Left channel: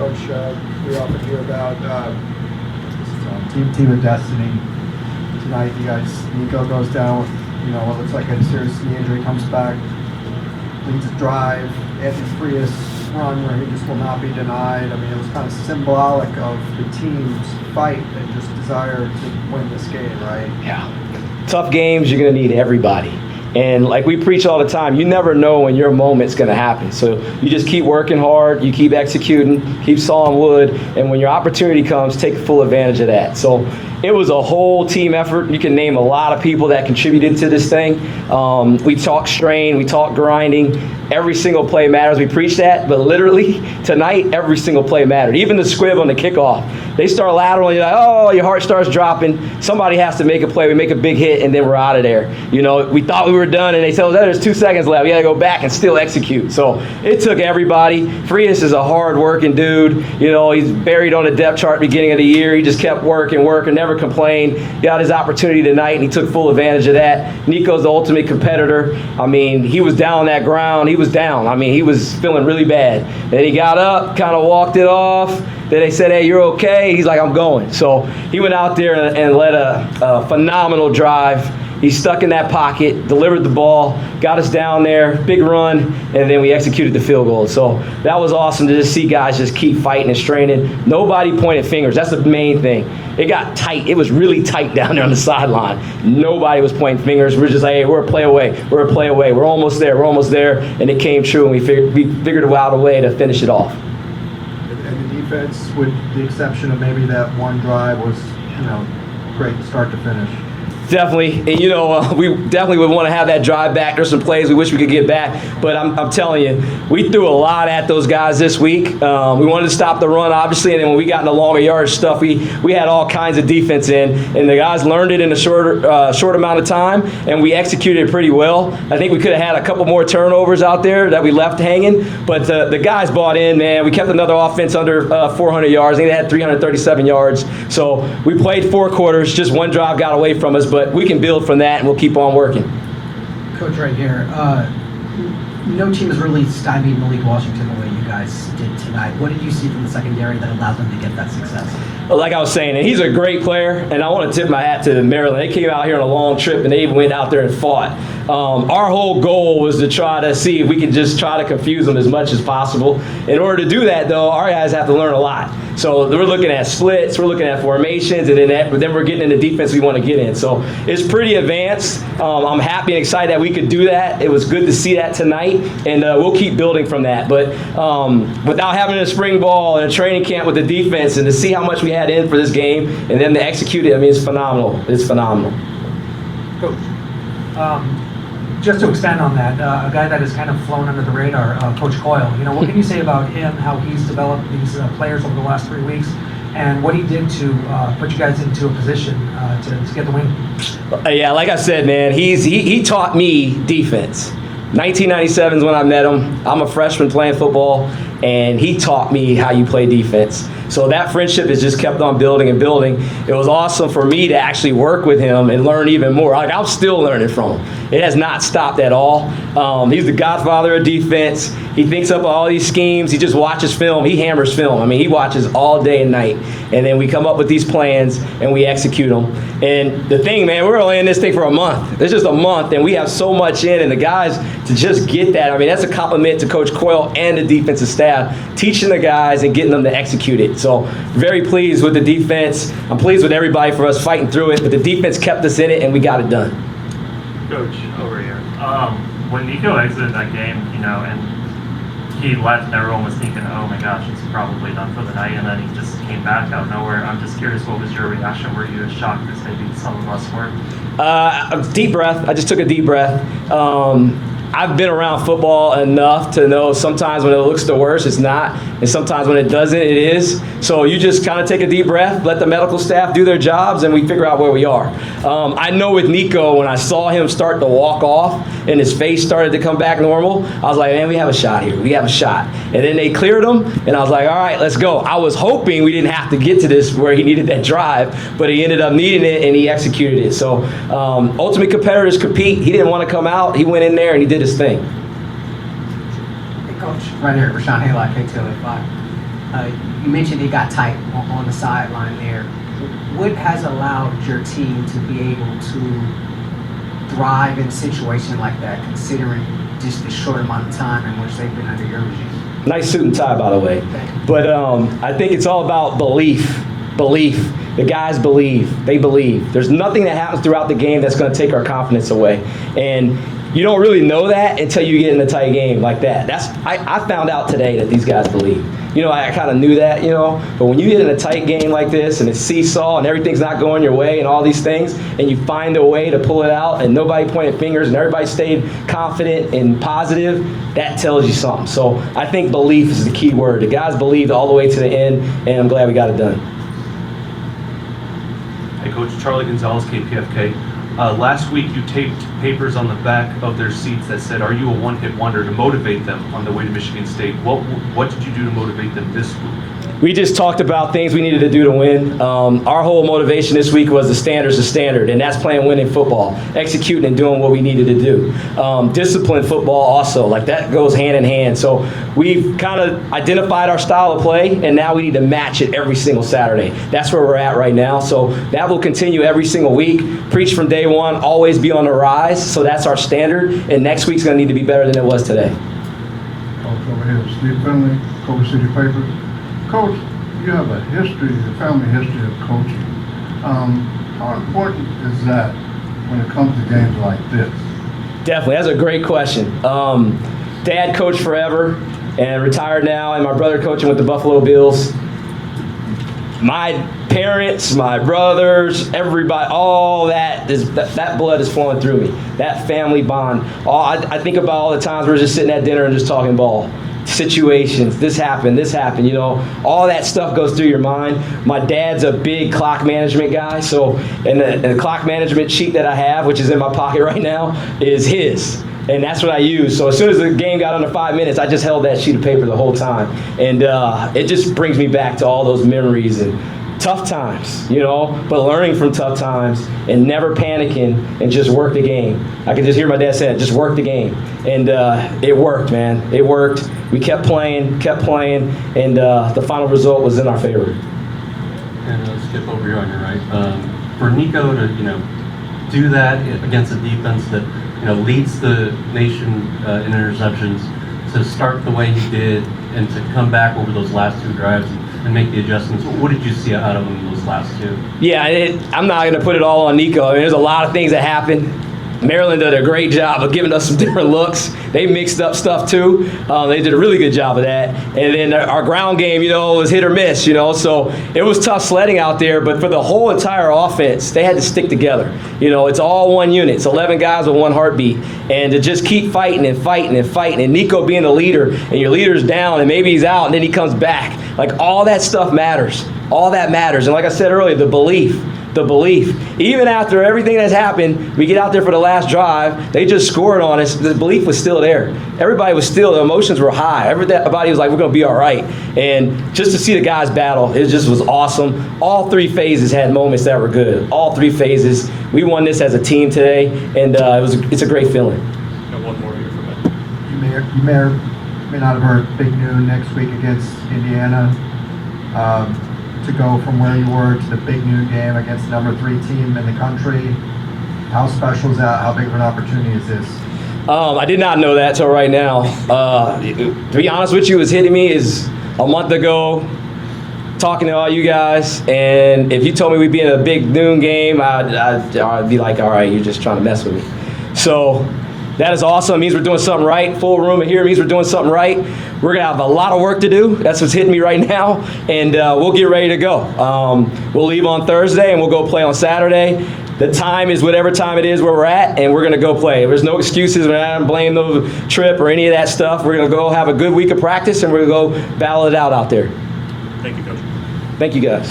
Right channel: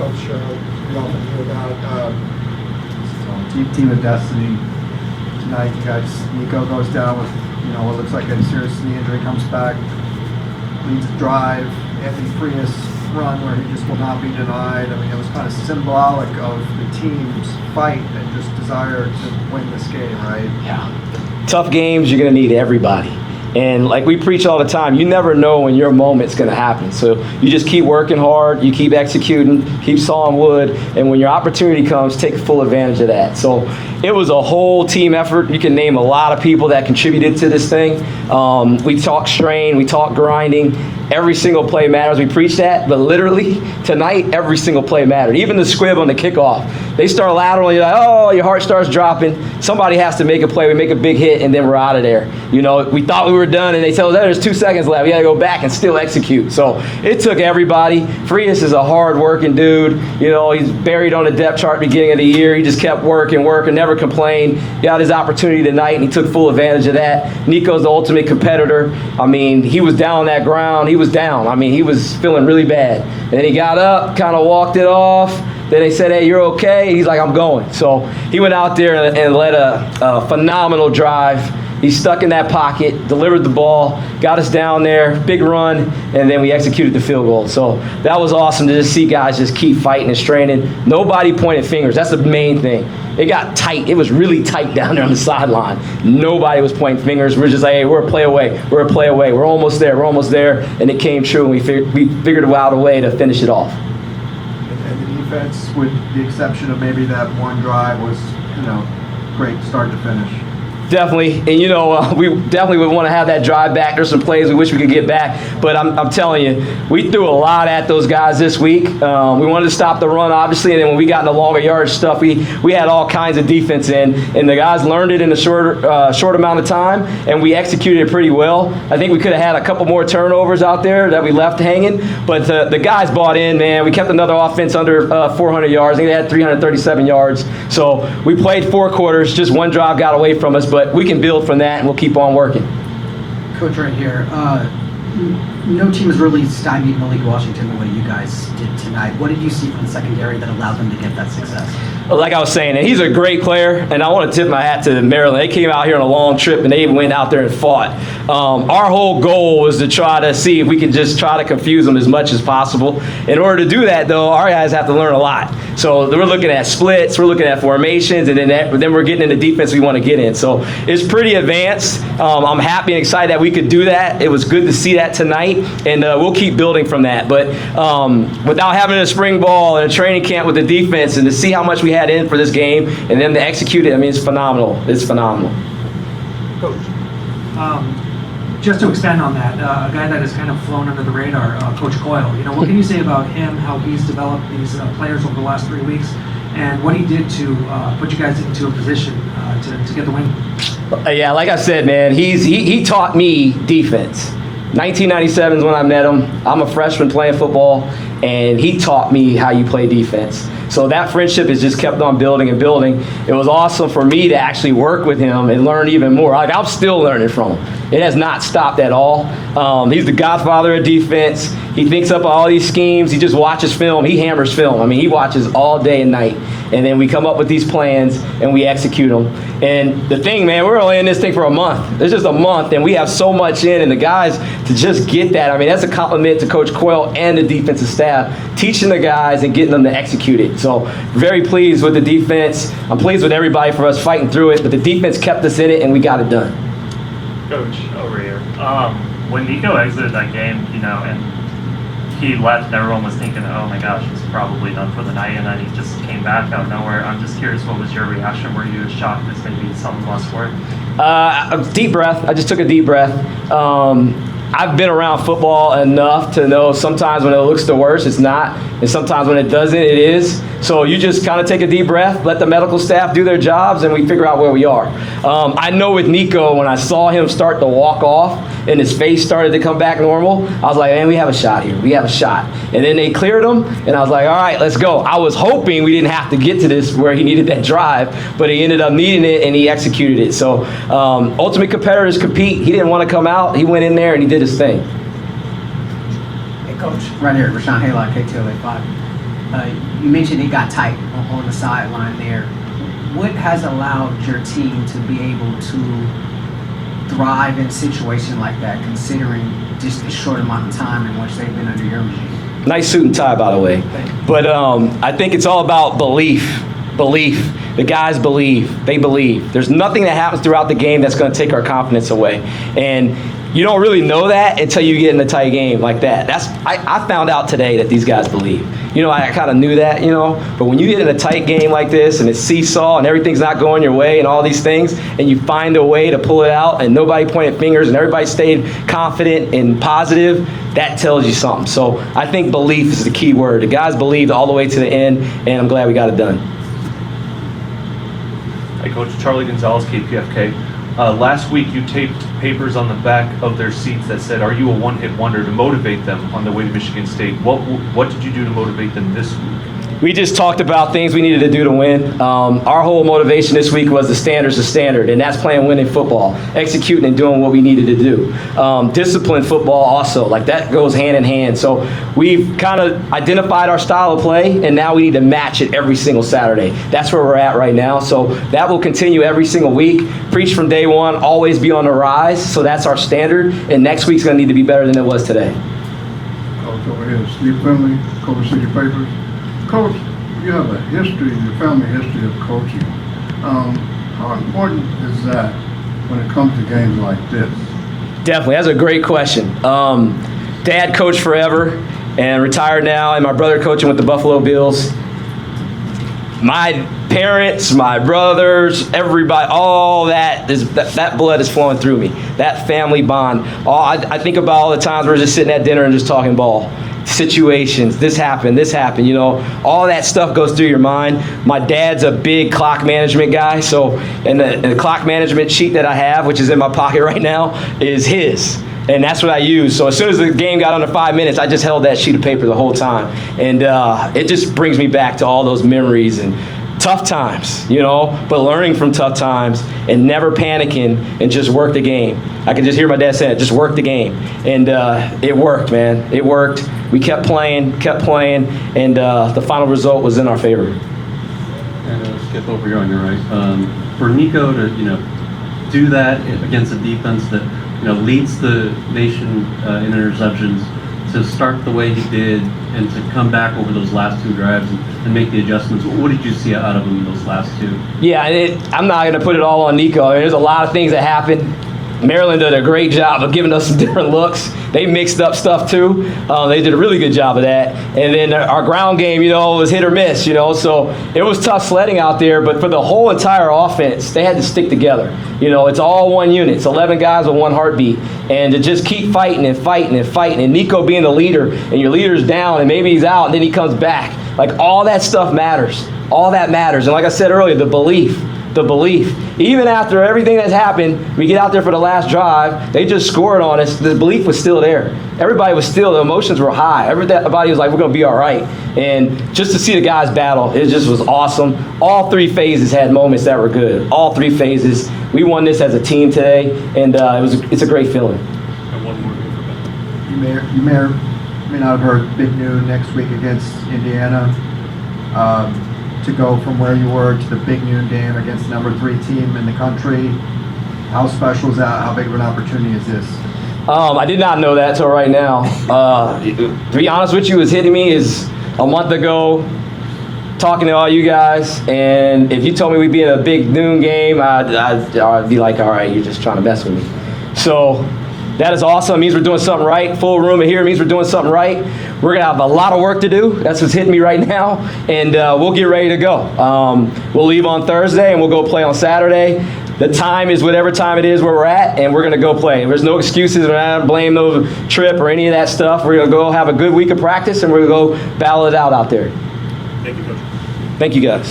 Coach, we often hear about team of destiny. Tonight, you guys, Nico goes down with, what looks like a serious knee injury, comes back, leads the drive, Anthony Frias run where he just will not be denied. I mean, it was kind of symbolic of the team's fight and just desire to win this game, right? Yeah. Tough games, you're going to need everybody. And like we preach all the time, you never know when your moment's going to happen. So you just keep working hard, you keep executing, keep sawing wood, and when your opportunity comes, take full advantage of that. So it was a whole team effort. You can name a lot of people that contributed to this thing. We talk strain, we talk grinding. Every single play matters. We preach that, but literally tonight, every single play mattered. Even the squib on the kickoff. They start lateral, and you're like, oh, your heart starts dropping. Somebody has to make a play. We make a big hit, and then we're out of there. We thought we were done, and they tell us, there's 2 seconds left. We got to go back and still execute. So it took everybody. Frias is a hard-working dude. He's buried on the depth chart beginning of the year. He just kept working, never complained. Got his opportunity tonight, and he took full advantage of that. Nico's the ultimate competitor. I mean, he was down on that ground. He was down. I mean, he was feeling really bad. Then he got up, kind of walked it off. Then they said, hey, you're okay. He's like, I'm going. So he went out there and led a phenomenal drive. He stuck in that pocket, delivered the ball, got us down there, big run, and then we executed the field goal. So that was awesome to just see guys just keep fighting and straining. Nobody pointed fingers. That's the main thing. It got tight. It was really tight down there on the sideline. Nobody was pointing fingers. We're just like, hey, we're a play away. We're a play away. We're almost there. We're almost there. And it came true, and we figured out a way to finish it off. And the defense, with the exception of maybe that one drive, was, great start to finish. Definitely, and we definitely would want to have that drive back. There's some plays we wish we could get back, but I'm telling you, we threw a lot at those guys this week. We wanted to stop the run, obviously, and then when we got in the longer yardage stuff, we had all kinds of defense in, and the guys learned it in a short amount of time, and we executed it pretty well. I think we could have had a couple more turnovers out there that we left hanging, but the guys bought in, man. We kept another offense under 400 yards. I think they had 337 yards. So we played 4 quarters. Just one drive got away from us, but we can build from that, and we'll keep on working. Coach, right here. No team has really stymied Malik Washington the way you guys did tonight. What did you see from the secondary that allowed them to get that success? Like I was saying, and he's a great player, and I want to tip my hat to Maryland. They came out here on a long trip, and they went out there and fought. Our whole goal was to try to see if we could just try to confuse them as much as possible. In order to do that, though, our guys have to learn a lot. So we're looking at splits, we're looking at formations, and then we're getting into defense we want to get in. So it's pretty advanced. I'm happy and excited that we could do that. It was good to see that tonight, and we'll keep building from that. But without having a spring ball and a training camp with the defense, and to see how much we had in for this game, and then to execute it, I mean, it's phenomenal. It's phenomenal. Coach, just to expand on that, a guy that has kind of flown under the radar, Coach Coyle. What can you say about him, how he's developed these players over the last 3 weeks, and what he did to put you guys into a position to get the win? Yeah, like I said, man, he taught me defense. 1997 is when I met him. I'm a freshman playing football, and he taught me how you play defense. So that friendship has just kept on building and building. It was awesome for me to actually work with him and learn even more. I'm still learning from him. It has not stopped at all. He's the godfather of defense. He thinks up all these schemes. He just watches film. He hammers film. I mean, he watches all day and night. And then we come up with these plans, and we execute them. And the thing, man, we're only in this thing for a month. It's just a month, and we have so much in. And the guys, to just get that, I mean, that's a compliment to Coach Coyle and the defensive staff, teaching the guys and getting them to execute it. So very pleased with the defense. I'm pleased with everybody for us fighting through it, but the defense kept us in it, and we got it done. Coach, over here. When Nico exited that game, and he left, and everyone was thinking, oh my gosh, he's probably done for the night, and then he just came back out of nowhere. I'm just curious, what was your reaction? Were you shocked as maybe someone else scored? A deep breath. I just took a deep breath. I've been around football enough to know sometimes when it looks the worst, it's not. And sometimes when it doesn't, it is. So you just kind of take a deep breath, let the medical staff do their jobs, and we figure out where we are. I know with Nico, when I saw him start to walk off and his face started to come back normal, I was like, man, we have a shot here. We have a shot. And then they cleared him, and I was like, all right, let's go. I was hoping we didn't have to get to this where he needed that drive, but he ended up needing it, and he executed it. So ultimate competitors compete. He didn't want to come out. He went in there, and he did his thing. Hey, Coach, right here, Rashawn Haylock, KTLA 5. You mentioned it got tight on the sideline there. What has allowed your team to be able to thrive in a situation like that, considering just the short amount of time in which they've been under your regime? Nice suit and tie, by the way. But I think it's all about belief. Belief. The guys believe. They believe. There's nothing that happens throughout the game that's going to take our confidence away. And you don't really know that until you get in a tight game like that. I found out today that these guys believe. You know, I kind of knew that, you know. But when you get in a tight game like this and it's seesaw and everything's not going your way and all these things, and you find a way to pull it out and nobody pointed fingers and everybody stayed confident and positive, that tells you something. So I think belief is the key word. The guys believed all the way to the end, and I'm glad we got it done. Hey, Coach. Charlie Gonzalez, KPFK. Last week you taped papers on the back of their seats that said, "Are you a one-hit wonder?" to motivate them on the way to Michigan State. What did you do to motivate them this week? We just talked about things we needed to do to win. Our whole motivation this week was the standard, and that's playing winning football, executing and doing what we needed to do. Disciplined football also, like that goes hand in hand. So we've kind of identified our style of play, and now we need to match it every single Saturday. That's where we're at right now. So that will continue every single week. Preach from day one, always be on the rise. So that's our standard, and next week's going to need to be better than it was today. Coach over here, Steve Finley, Coach City Papers. Coach, you have a history, your family history of coaching. How important is that when it comes to games like this? Definitely. That's a great question. Dad coached forever and retired now, and my brother coaching with the Buffalo Bills. My parents, my brothers, everybody, all that blood is flowing through me. That family bond. I think about all the times we're just sitting at dinner and just talking ball. Situations, this happened, you know, all that stuff goes through your mind. My dad's a big clock management guy, so and the clock management sheet that I have, which is in my pocket right now, is his. And that's what I use. So as soon as the game got under 5 minutes, I just held that sheet of paper the whole time. And it just brings me back to all those memories and tough times, you know, but learning from tough times and never panicking and just work the game. I can just hear my dad saying, just work the game. And it worked, man. It worked. We kept playing, and the final result was in our favor. And skip over here on your right. For Nico to, do that against a defense that, leads the nation in interceptions, to start the way he did and to come back over those last two drives and make the adjustments. What did you see out of him those last two? Yeah, I'm not going to put it all on Nico. I mean, there's a lot of things that happened. Maryland did a great job of giving us some different looks. They mixed up stuff too. They did a really good job of that. And then our ground game, was hit or miss, so it was tough sledding out there. But for the whole entire offense, they had to stick together. It's all one unit. It's 11 guys with one heartbeat. And to just keep fighting and fighting and fighting. And Nico being the leader, and your leader's down, and maybe he's out, and then he comes back. Like, all that stuff matters. All that matters. And like I said earlier, the belief. Even after everything that's happened, we get out there for the last drive, they just scored on us. The belief was still there. Everybody was still, the emotions were high. Everybody was like, we're going to be all right. And just to see the guys battle, it just was awesome. All three phases had moments that were good. All three phases. We won this as a team today, and it's a great feeling. One more here for Ben. You may not have heard big news next week against Indiana. To go from where you were to the big noon game against the number 3 team in the country. How special is that? How big of an opportunity is this? I did not know that till right now. To be honest with you, what's hitting me is a month ago, talking to all you guys, and if you told me we'd be in a big noon game, I'd be like, all right, you're just trying to mess with me. So that is awesome. It means we're doing something right. Full room in here means we're doing something right. We're going to have a lot of work to do. That's what's hitting me right now. And we'll get ready to go. We'll leave on Thursday, and we'll go play on Saturday. The time is whatever time it is where we're at, and we're going to go play. There's no excuses. We're not going to blame the trip or any of that stuff. We're going to go have a good week of practice, and we're going to go battle it out there. Thank you, Coach. Thank you, guys.